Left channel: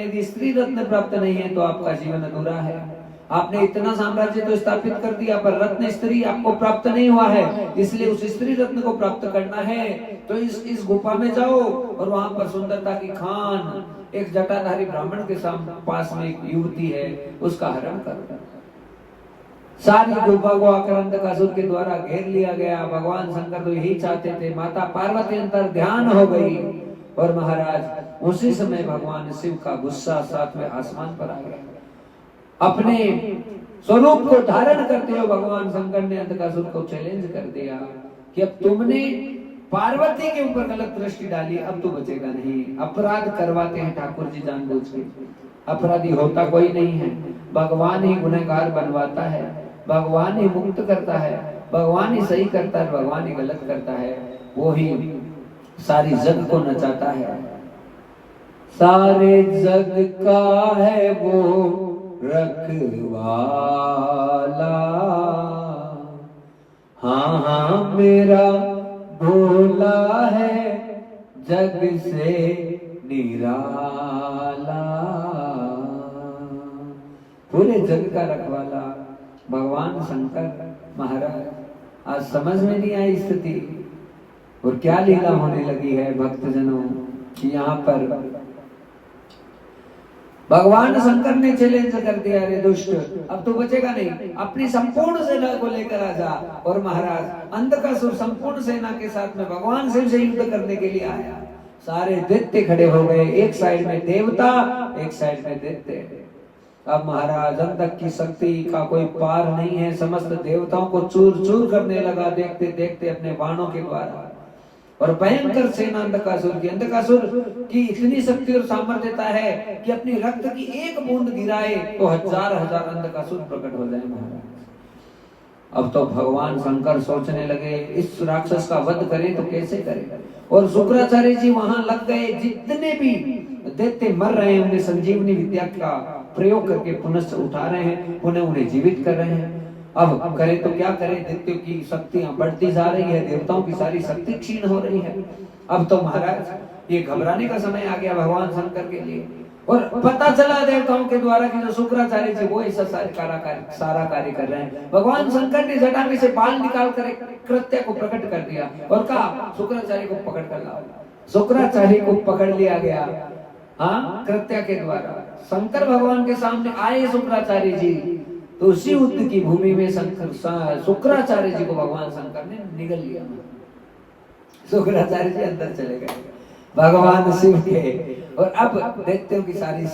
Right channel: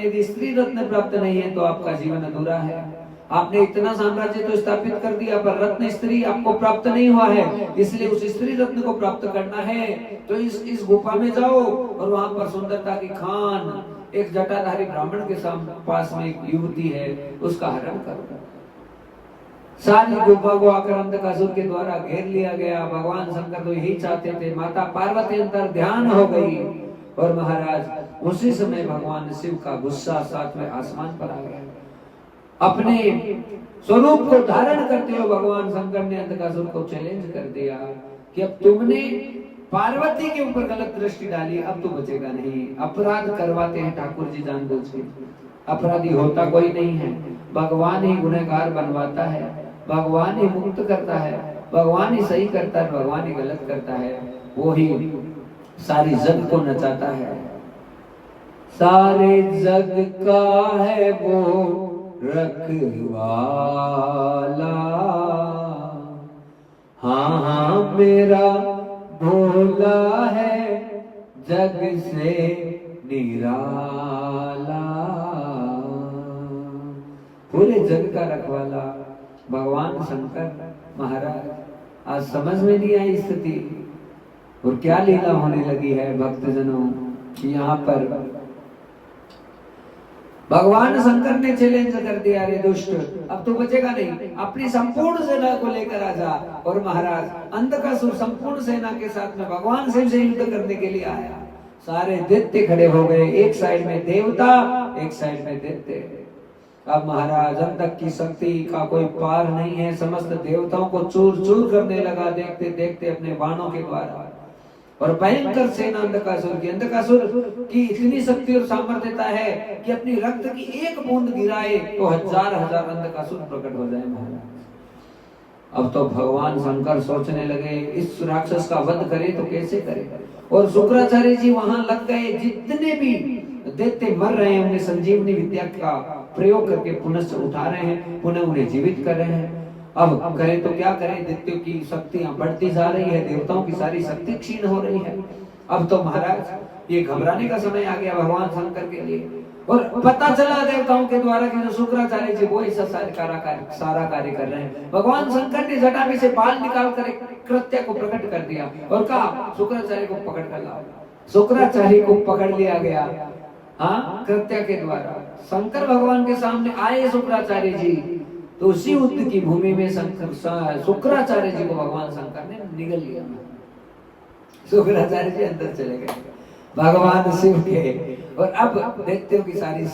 यदि स्त्री रत्न प्राप्त नहीं है तो आपका जीवन अधूरा है। आपने इतना साम्राज्य तो स्थापित कर दिया पर रत्न स्त्री आपको प्राप्त नहीं हुआ है, इसलिए उस स्त्री रत्न को प्राप्त करना है तो इस गुफा में जाओ और वहां पर सुंदरता की खान एक जटाधारी ब्राह्मण के पास में एक युवती है, उसका हरण करो। सारी गुफा को आक्रांतकासुर के द्वारा घेर लिया गया। भगवान शंकर तो यही चाहते थे, माता पार्वती अंतर ध्यान हो गई और महाराज उसी समय भगवान शिव का गुस्सा सातवें आसमान पर आ गया। अपने स्वरूप को धारण करते हुए भगवान शंकर ने अंधकासुर को चैलेंज कर दिया कि अब तुमने पार्वती के ऊपर गलत दृष्टि डाली, अब तो बचेगा नहीं। अपराध करवाते हैं ठाकुर जी जानबूझ के, अपराधी होता कोई नहीं है, भगवान ही गुनहगार बनवाता है, भगवान ही मुक्त करता है, भगवान ही सही करता है, भगवान ही गलत करता है, वो ही सारी जग को नचाता है। सारे जग का है वो रखवाला, हाँ हाँ मेरा भोला है जग से निराला। पूरे जग का रखवाला भगवान शंकर महाराज। आज समझ में नहीं आई स्थिति और क्या लीला होने लगी है भक्तजनों कि यहाँ पर भगवान शंकर ने चैलेंज कर दिया, रे दुष्ट अब तो बचेगा नहीं, अपनी संपूर्ण सेना को लेकर आ जा। और महाराज अंधकासुर संपूर्ण सेना के साथ में भगवान शिव से युद्ध करने के लिए आया। सारे दैत्य खड़े हो गए, एक साइड में देवता एक साइड में दैत्य। अब महाराज अंधक की शक्ति का कोई पार नहीं है, समस्त देवताओं को चूर चूर करने लगा देखते देखते अपने बाणों के द्वारा। और भयंकर सेना अंधकासुर की इतनी शक्ति और सामर्थ्यता है कि अपनी रक्त की एक बूंद गिराए तो हजार हजार अंधकासुर प्रकट हो जाए महाराज। अब तो भगवान शंकर सोचने लगे इस राक्षस का वध करें तो कैसे करें। और शुक्राचार्य जी वहां लग गए, जितने भी दैत्य मर रहे हैं उन्हें संजीवनी विद्या का प्रयोग करके पुनः उठा रहे हैं, पुनः उन्हें जीवित कर रहे हैं। अब करें तो क्या करें, दैत्यों की शक्तियां बढ़ती जा रही है, देवताओं की सारी शक्ति क्षीण हो रही है। अब तो महाराज ये घबराने का समय आ गया भगवान शंकर के लिए। और पता चला देवताओं के द्वारा कि जो शुक्राचार्य जी वो ऐसा सारा कार्य कर रहे हैं। भगवान शंकर ने जटा में से बाल निकाल कर एक कृत्य को प्रकट कर दिया और कहा शुक्राचार्य को पकड़ कर लाओ। शुक्राचार्य को पकड़ लिया गया, हाँ, कृत्य के द्वारा। शंकर भगवान के सामने आए शुक्राचार्य जी, तो उसी युद्ध की भूमि में शुक्राचार्य जी को भगवान शंकर ने निगल लिया। शुक्राचार्य जी अंदर चले गए भगवान शिव के, और अब दैत्यों की सारी